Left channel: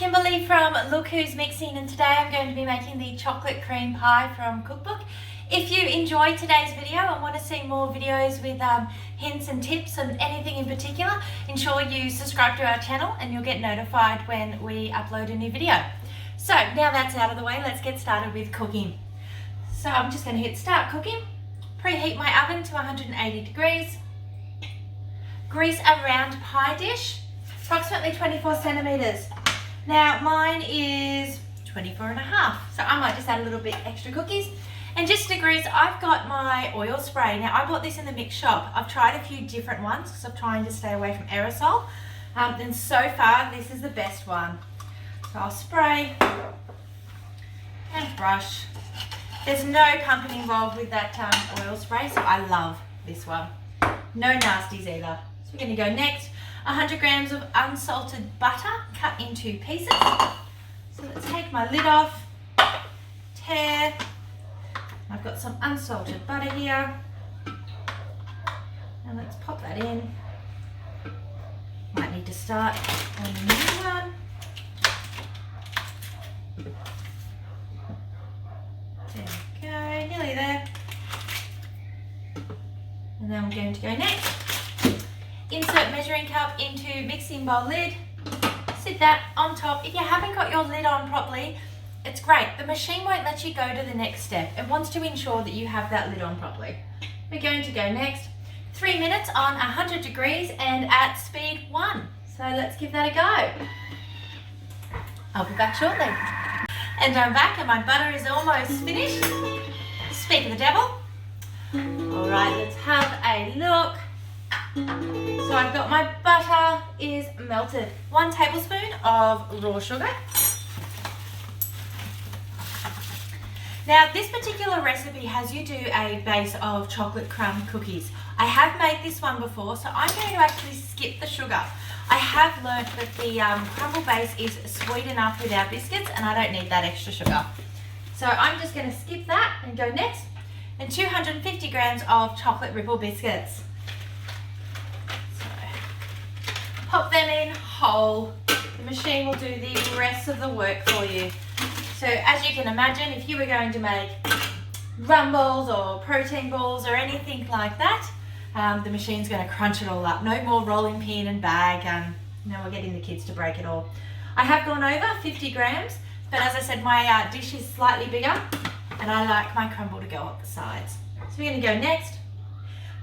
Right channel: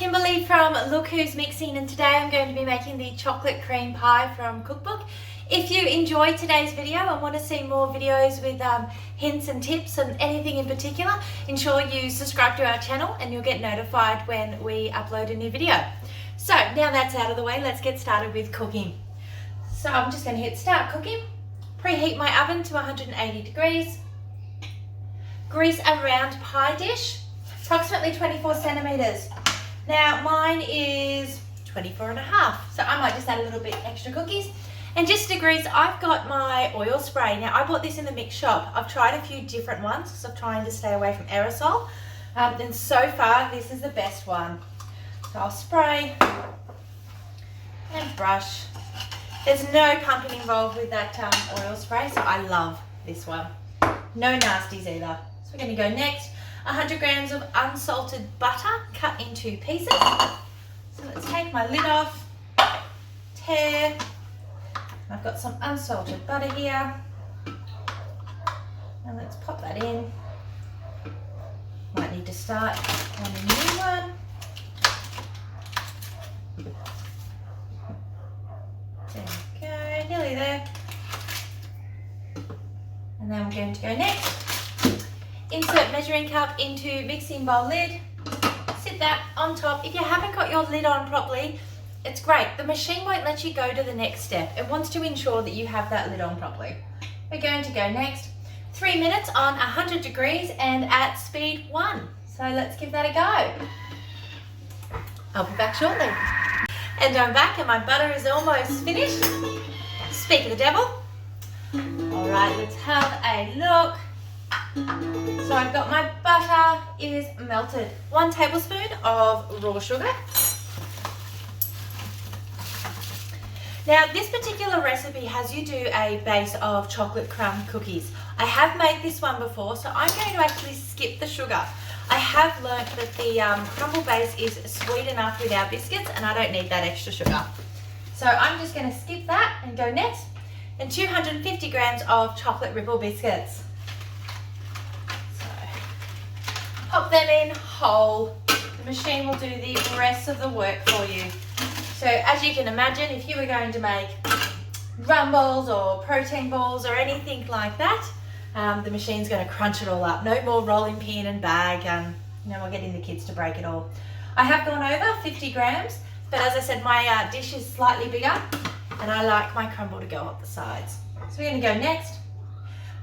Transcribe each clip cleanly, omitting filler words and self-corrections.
Kimberly from Look Who's Mixing, and today I'm going to be making the chocolate cream pie from Cookbook. If you enjoyed today's video and want to see more videos with hints and tips and anything in particular, ensure you subscribe to our channel and you'll get notified when we upload a new video. So now that's out of the way, let's get started with cooking. So I'm just going to hit start cooking, preheat my oven to 180 degrees, grease a round pie dish, approximately 24 centimeters. Now mine is 24 and a half, so I might just add a little bit extra cookies. And just to grease, I've got my oil spray. Now I bought this in the mix shop. I've tried a few different ones because I'm trying to stay away from aerosol. And so far, this is the best one. So I'll spray and brush. There's no pumping involved with that oil spray, so I love this one. No nasties either. So we're going to go next. 100 grams of unsalted butter cut into pieces. So let's take my lid off, tear. I've got some unsalted butter here. Now let's pop that in. Might need to start on a new one. There we go, nearly there. And then we're going to go next. Insert measuring cup into mixing bowl lid. Sit that on top. If you haven't got your lid on properly, it's great. The machine won't let you go to the next step. It wants to ensure that you have that lid on properly. We're going to go next. 3 minutes on 100 degrees and at speed 1. So let's give that a go. I'll be back shortly. And I'm back and my butter is almost finished. Speak of the devil. All right, let's have a look. So I've got my butter is melted. 1 tablespoon of raw sugar. Now this particular recipe has you do a base of chocolate crumb cookies. I have made this one before, so I'm going to actually skip the sugar. I have learned that the crumble base is sweet enough with our biscuits and I don't need that extra sugar. So I'm just going to skip that and go next. And 250 grams of chocolate ripple biscuits. Pop them in whole. The machine will do the rest of the work for you. So as you can imagine, if you were going to make rum balls or protein balls or anything like that, the machine's going to crunch it all up. No more rolling pin and bag, and we're getting the kids to break it all. I have gone over 50 grams, but as I said, my dish is slightly bigger and I like my crumble to go up the sides. So we're going to go next.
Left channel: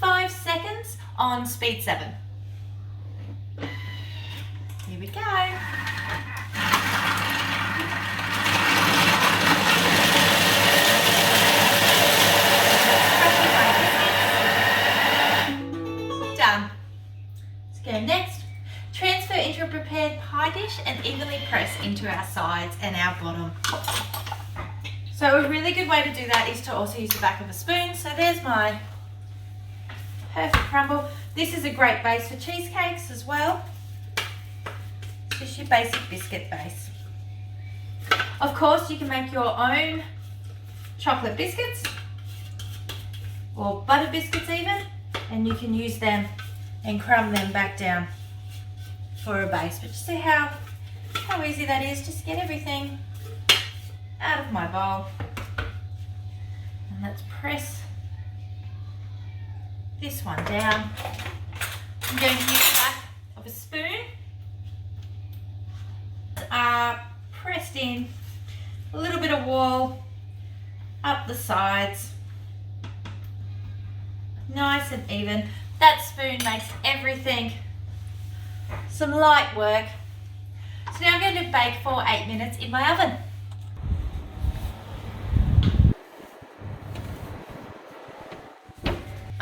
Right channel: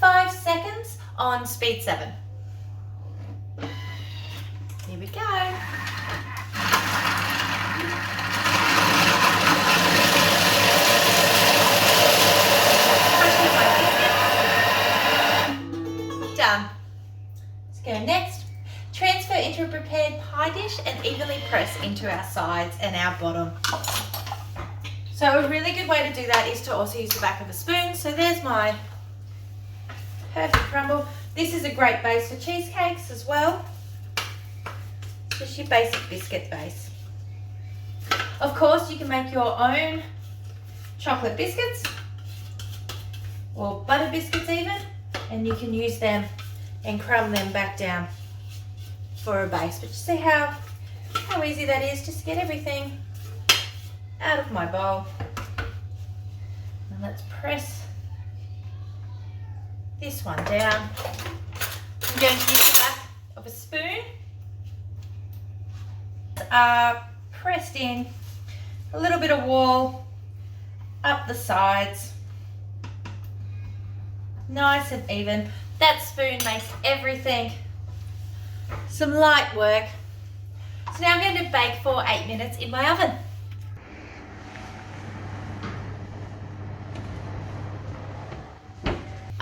5 seconds on speed 7. Here we go. Done. Let's go next. Transfer into a prepared pie dish and evenly press into our sides and our bottom. So a really good way to do that is to also use the back of a spoon. So there's my perfect crumble. This is a great base for cheesecakes as well. Just your basic biscuit base. Of course, you can make your own chocolate biscuits or butter biscuits even, and you can use them and crumb them back down for a base. But you see how easy that is, just to get everything out of my bowl. And let's press this one down. I'm going to use the back of a spoon. Pressed in, a little bit of wall up the sides, nice and even. That spoon makes everything some light work. So now I'm going to bake for 8 minutes in my oven.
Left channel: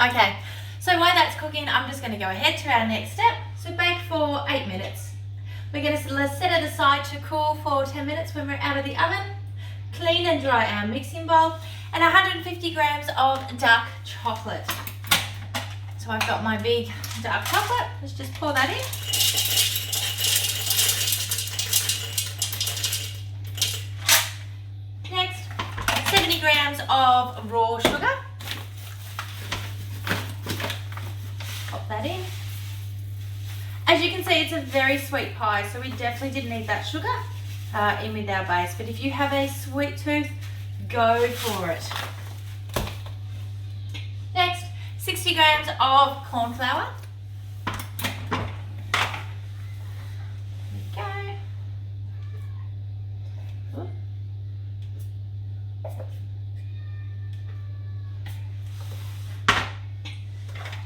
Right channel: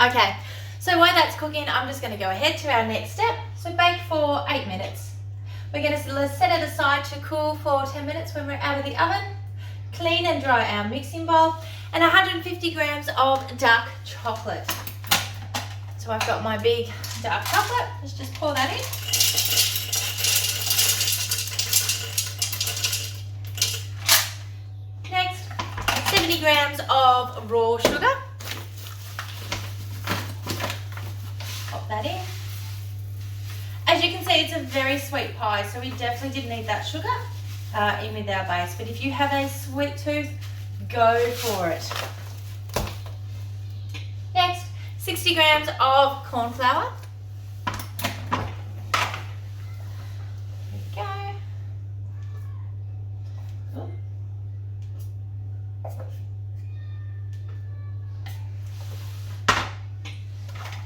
Okay, so while that's cooking, I'm just going to go ahead to our next step. So bake for 8 minutes. We're going to set it aside to cool for 10 minutes when we're out of the oven. Clean and dry our mixing bowl and 150 grams of dark chocolate. So I've got my big dark chocolate. Let's just pour that in. Next, 70 grams of raw sugar. Pop that in. As you can see, it's a very sweet pie, so we definitely didn't need that sugar in with our base. But if you have a sweet tooth, go for it. Next, 60 grams of corn flour. There we go.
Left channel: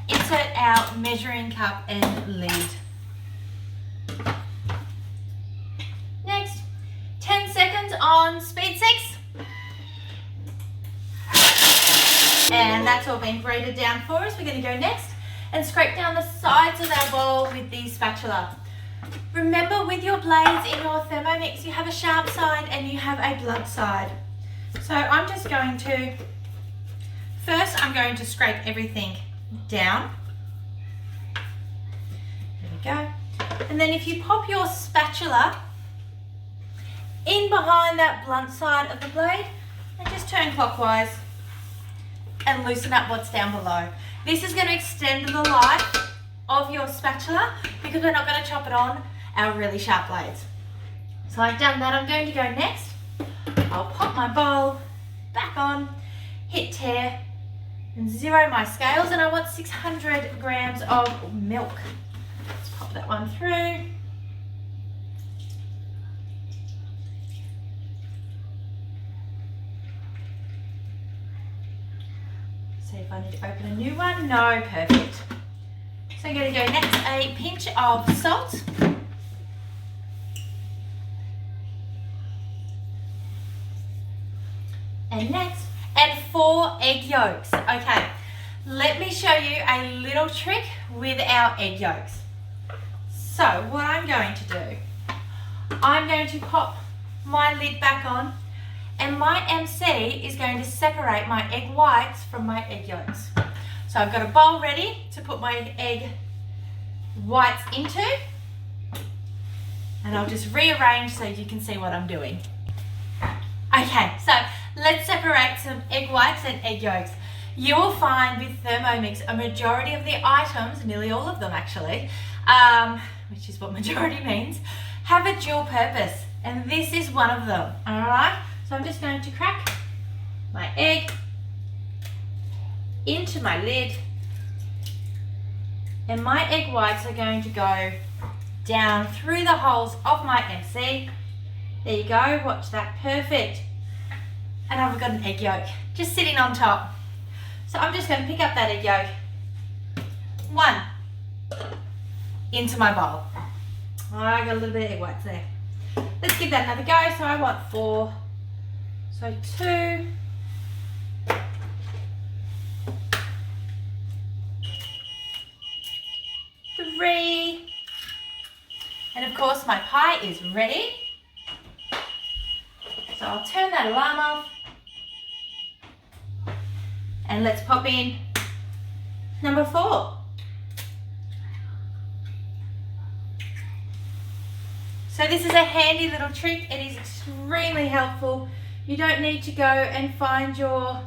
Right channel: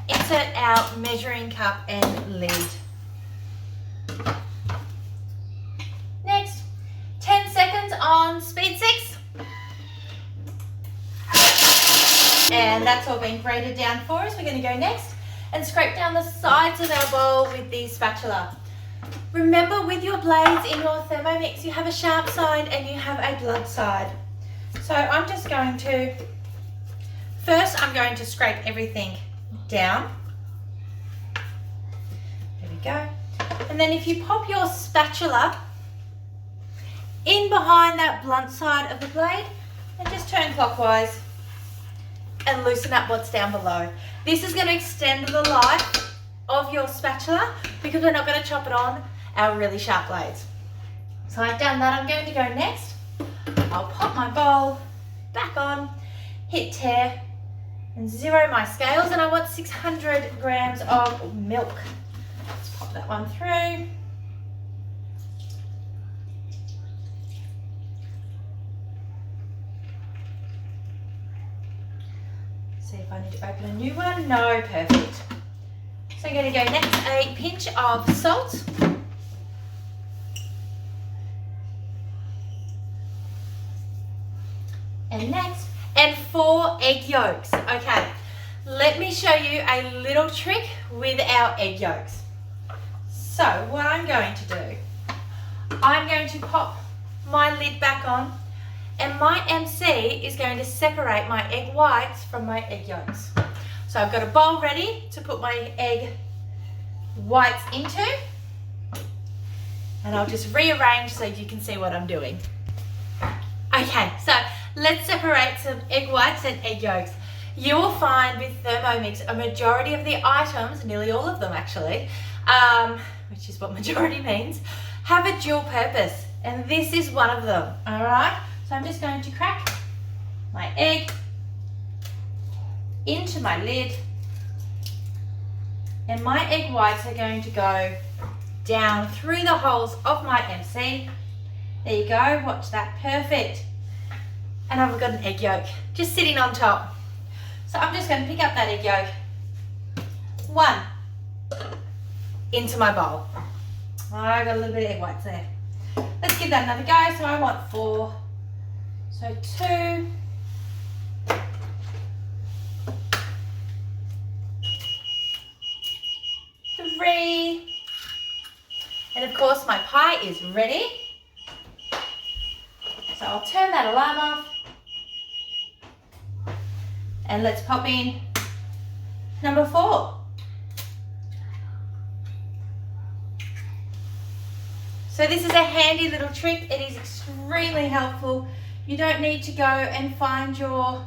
Insert our measuring cup and lid. Next, 10 seconds on speed 6. And that's all been grated down for us. We're going to go next and scrape down the sides of our bowl with the spatula. Remember, with your blades in your Thermomix, you have a sharp side and you have a blunt side. So I'm just going to, first I'm going to scrape everything down. There we go. And then if you pop your spatula in behind that blunt side of the blade and just turn clockwise and loosen up what's down below. This is going to extend the life of your spatula because we're not going to chop it on our really sharp blades. So I've done that. I'm going to go next. I'll pop my bowl back on, hit tear, and zero my scales, and I want 600 grams of milk. Let's pop that one through. See if I need to open a new one. No, perfect. So I'm going to go next, a pinch of salt. And next, and 4 egg yolks. Okay, let me show you a little trick with our egg yolks. So what I'm going to do, I'm going to pop my lid back on, and my MC is going to separate my egg whites from my egg yolks. So I've got a bowl ready to put my egg whites into, and I'll just rearrange so you can see what I'm doing. Okay, so let's separate some egg whites and egg yolks. You'll find with Thermomix a majority of the items, nearly all of them actually, which is what majority means, have a dual purpose, and this is one of them, all right? So I'm just going to crack my egg into my lid, and my egg whites are going to go down through the holes of my MC. There you go, watch that, perfect. And I've got an egg yolk just sitting on top. So I'm just going to pick up that egg yolk, one, into my bowl. I got a little bit of egg whites there. Let's give that another go. So I want 4. So 2, 3, and of course my pie is ready. So I'll turn that alarm off, and let's pop in number 4. So this is a handy little trick. It is extremely helpful. You don't need to go and find your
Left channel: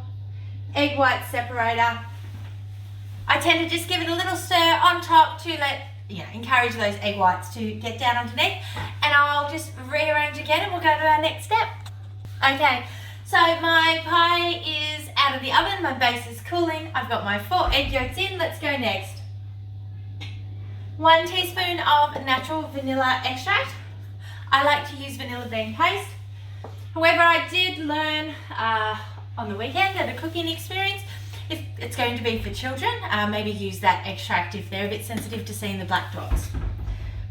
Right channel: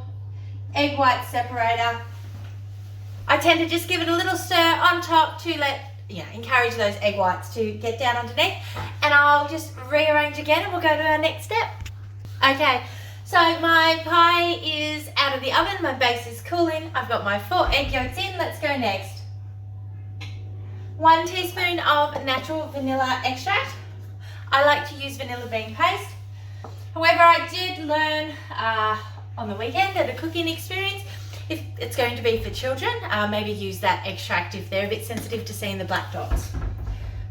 egg white separator. I tend to just give it a little stir on top to encourage those egg whites to get down underneath, and I'll just rearrange again and we'll go to our next step. Okay, so my pie is out of the oven, my base is cooling, I've got my 4 egg yolks in. Let's go next. 1 teaspoon of natural vanilla extract. I like to use vanilla bean paste. However, I did learn on the weekend at a cooking experience, if it's going to be for children, maybe use that extract if they're a bit sensitive to seeing the black dots.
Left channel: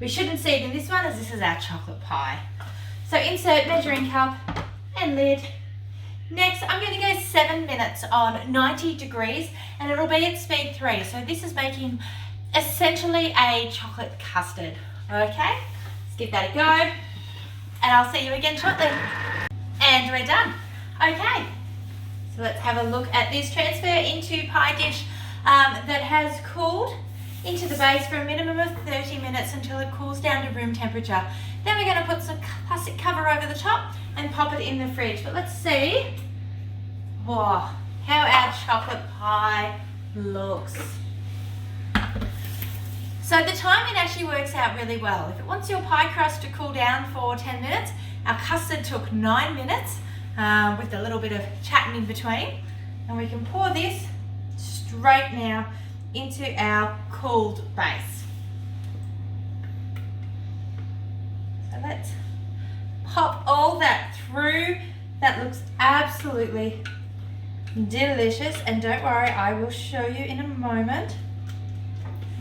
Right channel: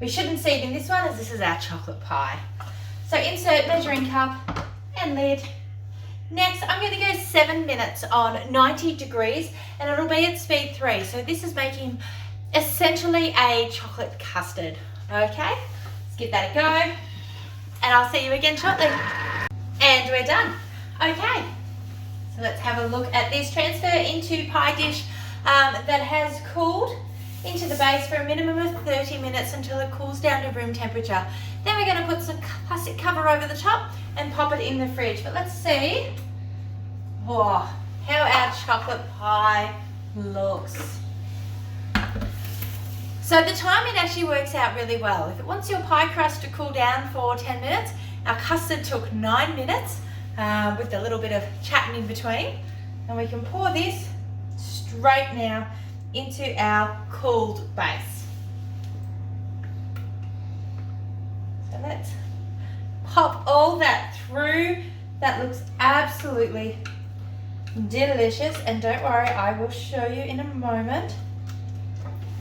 We shouldn't see it in this one as this is our chocolate pie. So insert measuring cup and lid. Next, I'm going to go 7 minutes on 90 degrees, and it'll be at speed 3. So this is making essentially a chocolate custard. Okay, let's give that a go, and I'll see you again shortly. And we're done. Okay, so let's have a look at this. Transfer into pie dish that has cooled into the base for a minimum of 30 minutes until it cools down to room temperature. Then we're going to put some plastic cover over the top and pop it in the fridge. But let's see how our chocolate pie looks. So So the timing actually works out really well. If it wants your pie crust to cool down for 10 minutes, our custard took 9 minutes with a little bit of chatting in between. And we can pour this straight now into our cooled base. So let's pop all that through. That looks absolutely delicious, and don't worry, I will show you in a moment.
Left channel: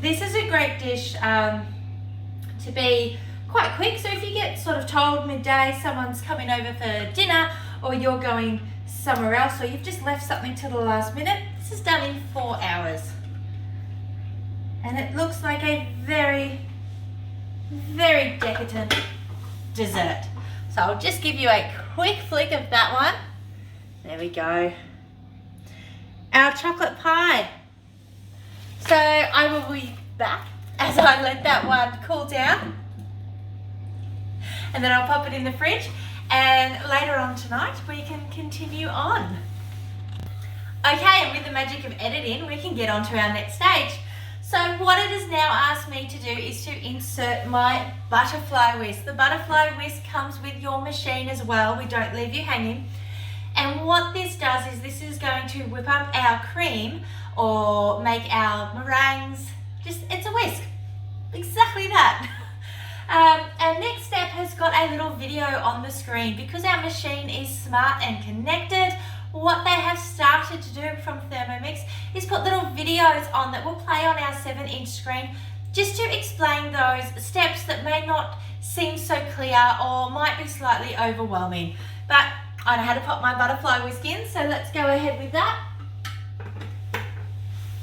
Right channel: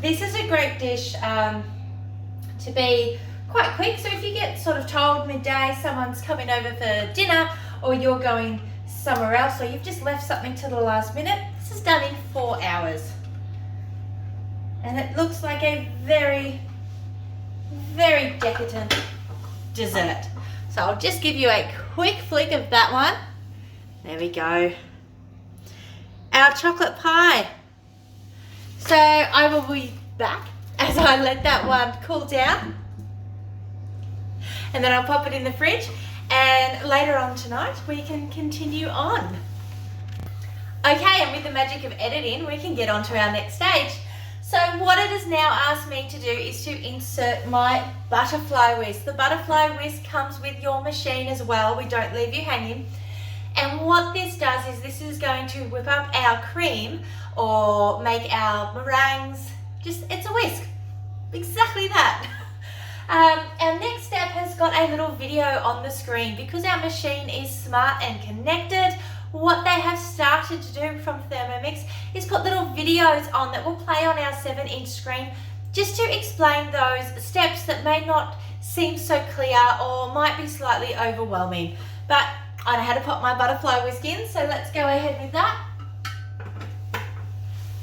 This is a great dish to be quite quick. So if you get sort of told midday someone's coming over for dinner, or you're going somewhere else, or you've just left something till the last minute, this is done in 4 hours. And it looks like a very, very decadent dessert. So I'll just give you a quick flick of that one. There we go. Our chocolate pie. So I will be back as I let that one cool down. And then I'll pop it in the fridge. And later on tonight, we can continue on. Okay, and with the magic of editing, we can get on to our next stage. So what it has now asked me to do is to insert my butterfly whisk. The butterfly whisk comes with your machine as well. We don't leave you hanging. And what this does is this is going to whip up our cream or make our meringues. Just, it's a whisk. Exactly that. Our next step has got a little video on the screen. Because our machine is smart and connected, what they have started to do from Thermomix is put little videos on that will play on our 7-inch screen just to explain those steps that may not seem so clear or might be slightly overwhelming. But I know how to pop my butterfly whisk in, so let's go ahead with that.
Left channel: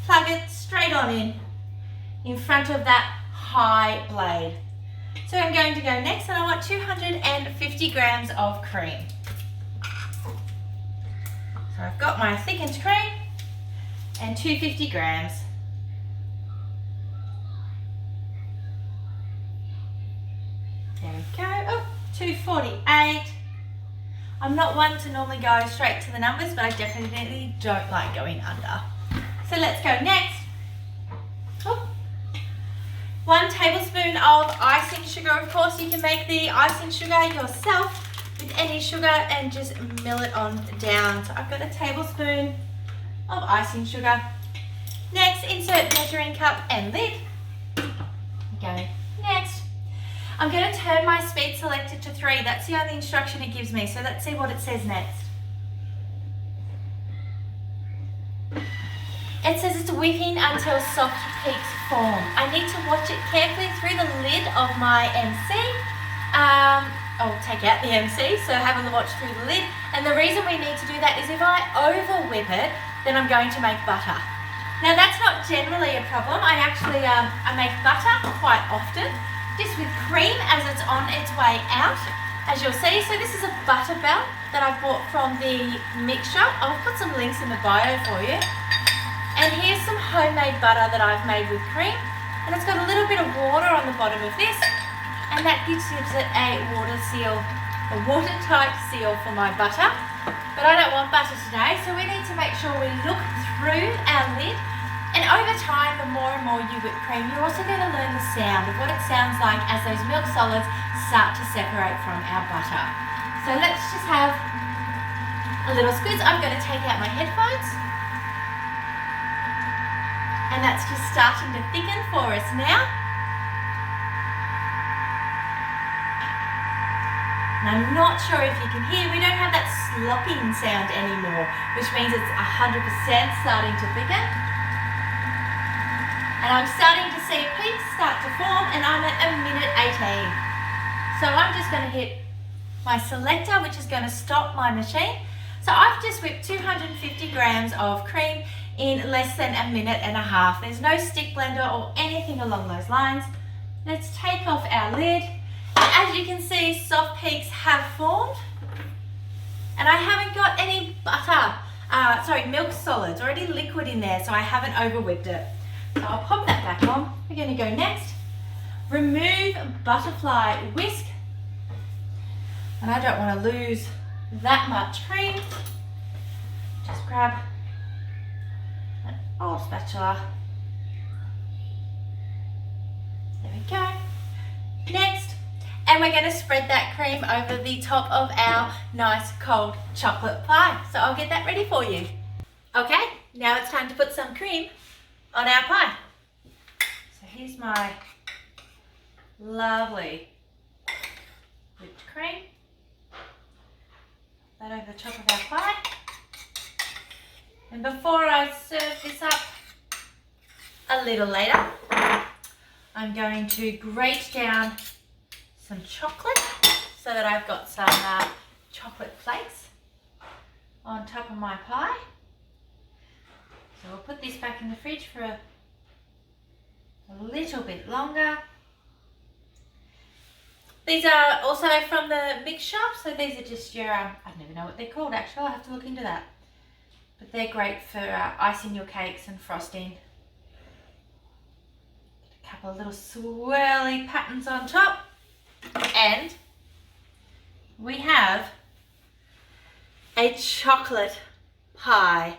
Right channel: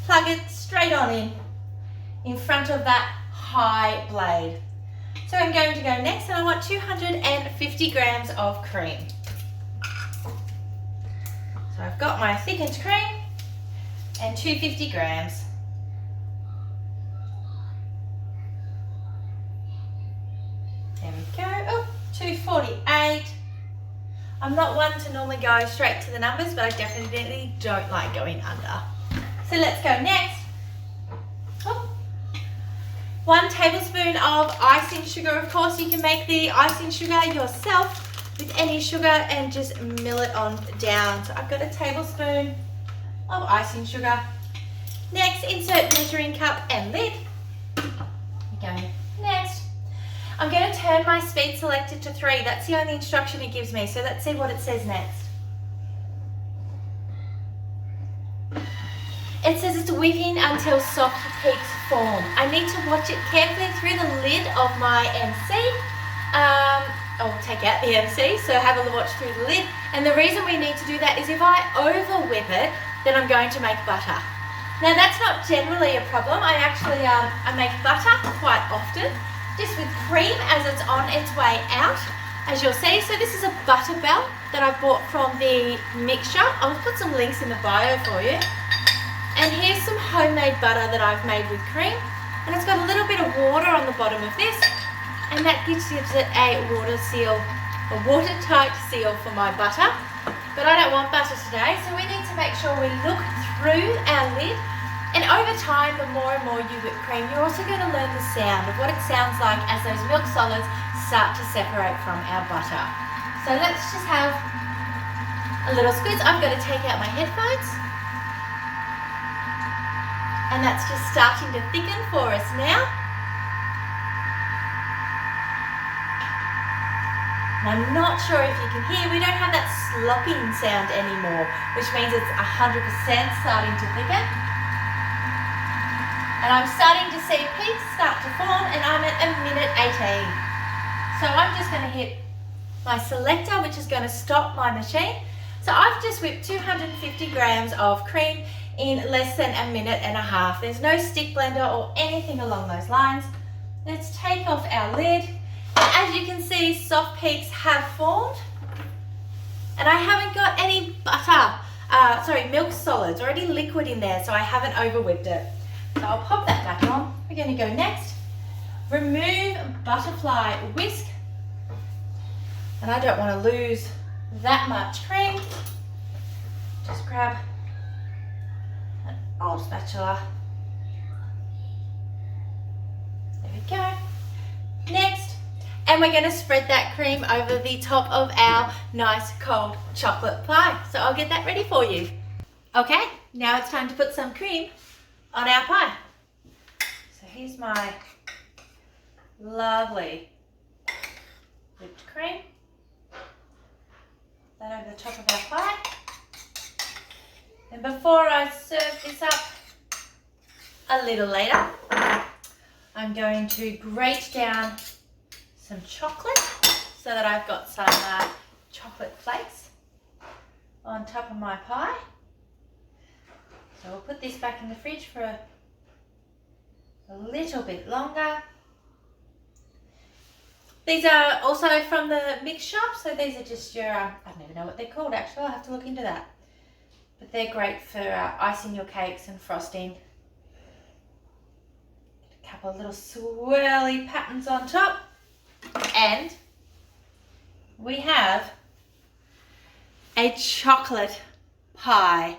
Plug it straight on in front of that high blade. So I'm going to go next, and I want 250 grams of cream. So I've got my thickened cream and 250 grams. There we go. Oh, 248. I'm not one to normally go straight to the numbers, but I definitely don't like going under. So let's go next. Oh. 1 tablespoon of icing sugar. Of course, you can make the icing sugar yourself with any sugar and just mill it on down. So I've got a tablespoon of icing sugar. Next, insert measuring cup and lid. Okay, next. I'm going to turn my speed selector to 3. That's the only instruction it gives me. So let's see what it says next. It says it's whipping until soft peaks form. I need to watch it carefully through the lid of my MC. I'll take out the MC, so have a watch through the lid. And the reason we need to do that is if I over whip it, then I'm going to make butter. Now that's not generally a problem. I actually I make butter quite often, just with cream as it's on its way out, as you'll see. So this is a butter belt that I bought from the mixture. I'll put some links in the bio for you. And here's some homemade butter that I've made with cream. And it's got a little bit of water on the bottom of this. And that gives it a watertight seal for my butter. But I don't want butter today, so we need to make sure we look through our lid. And over time, the more and more you whip cream, you're also going to learn the sound of what it sounds like as those milk solids start to separate from our butter. So let's just have a little squeeze. I'm going to take out my headphones. And that's just starting to thicken for us now. And I'm not sure if you can hear, we don't have that slopping sound anymore, which means it's 100% starting to thicken. And I'm starting to see peaks start to form, and I'm at 1:18. So I'm just going to hit my selector, which is going to stop my machine. So I've just whipped 250 grams of cream in less than 1.5 minutes. There's no stick blender or anything along those lines. Let's take off our lid. As you can see, soft peaks have formed, and I haven't got any milk solids or any liquid in there, so I haven't over whipped it. So I'll pop that back on. We're going to go next. Remove butterfly whisk, and I don't want to lose that much cream. Just grab an old spatula we go. Next, and we're going to spread that cream over the top of our nice cold chocolate pie. So I'll get that ready for you. Okay, now it's time to put some cream on our pie. So here's my lovely whipped cream. That over the top of our pie. And before I serve this up a little later, I'm going to grate down some chocolate so that I've got some chocolate flakes on top of my pie. So we'll put this back in the fridge for a little bit longer. These are also from the mix shop, so these are just your, I don't even know what they're called actually, I'll have to look into that. But they're great for icing your cakes and frosting. Get a couple of little swirly patterns on top. And we have a chocolate pie.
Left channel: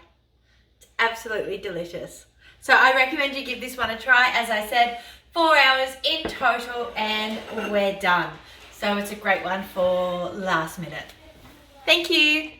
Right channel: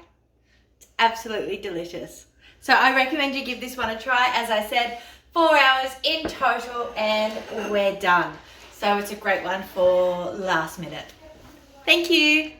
It's absolutely delicious. So I recommend you give this one a try. As I said, 4 hours in total and we're done. So it's a great one for last minute. Thank you.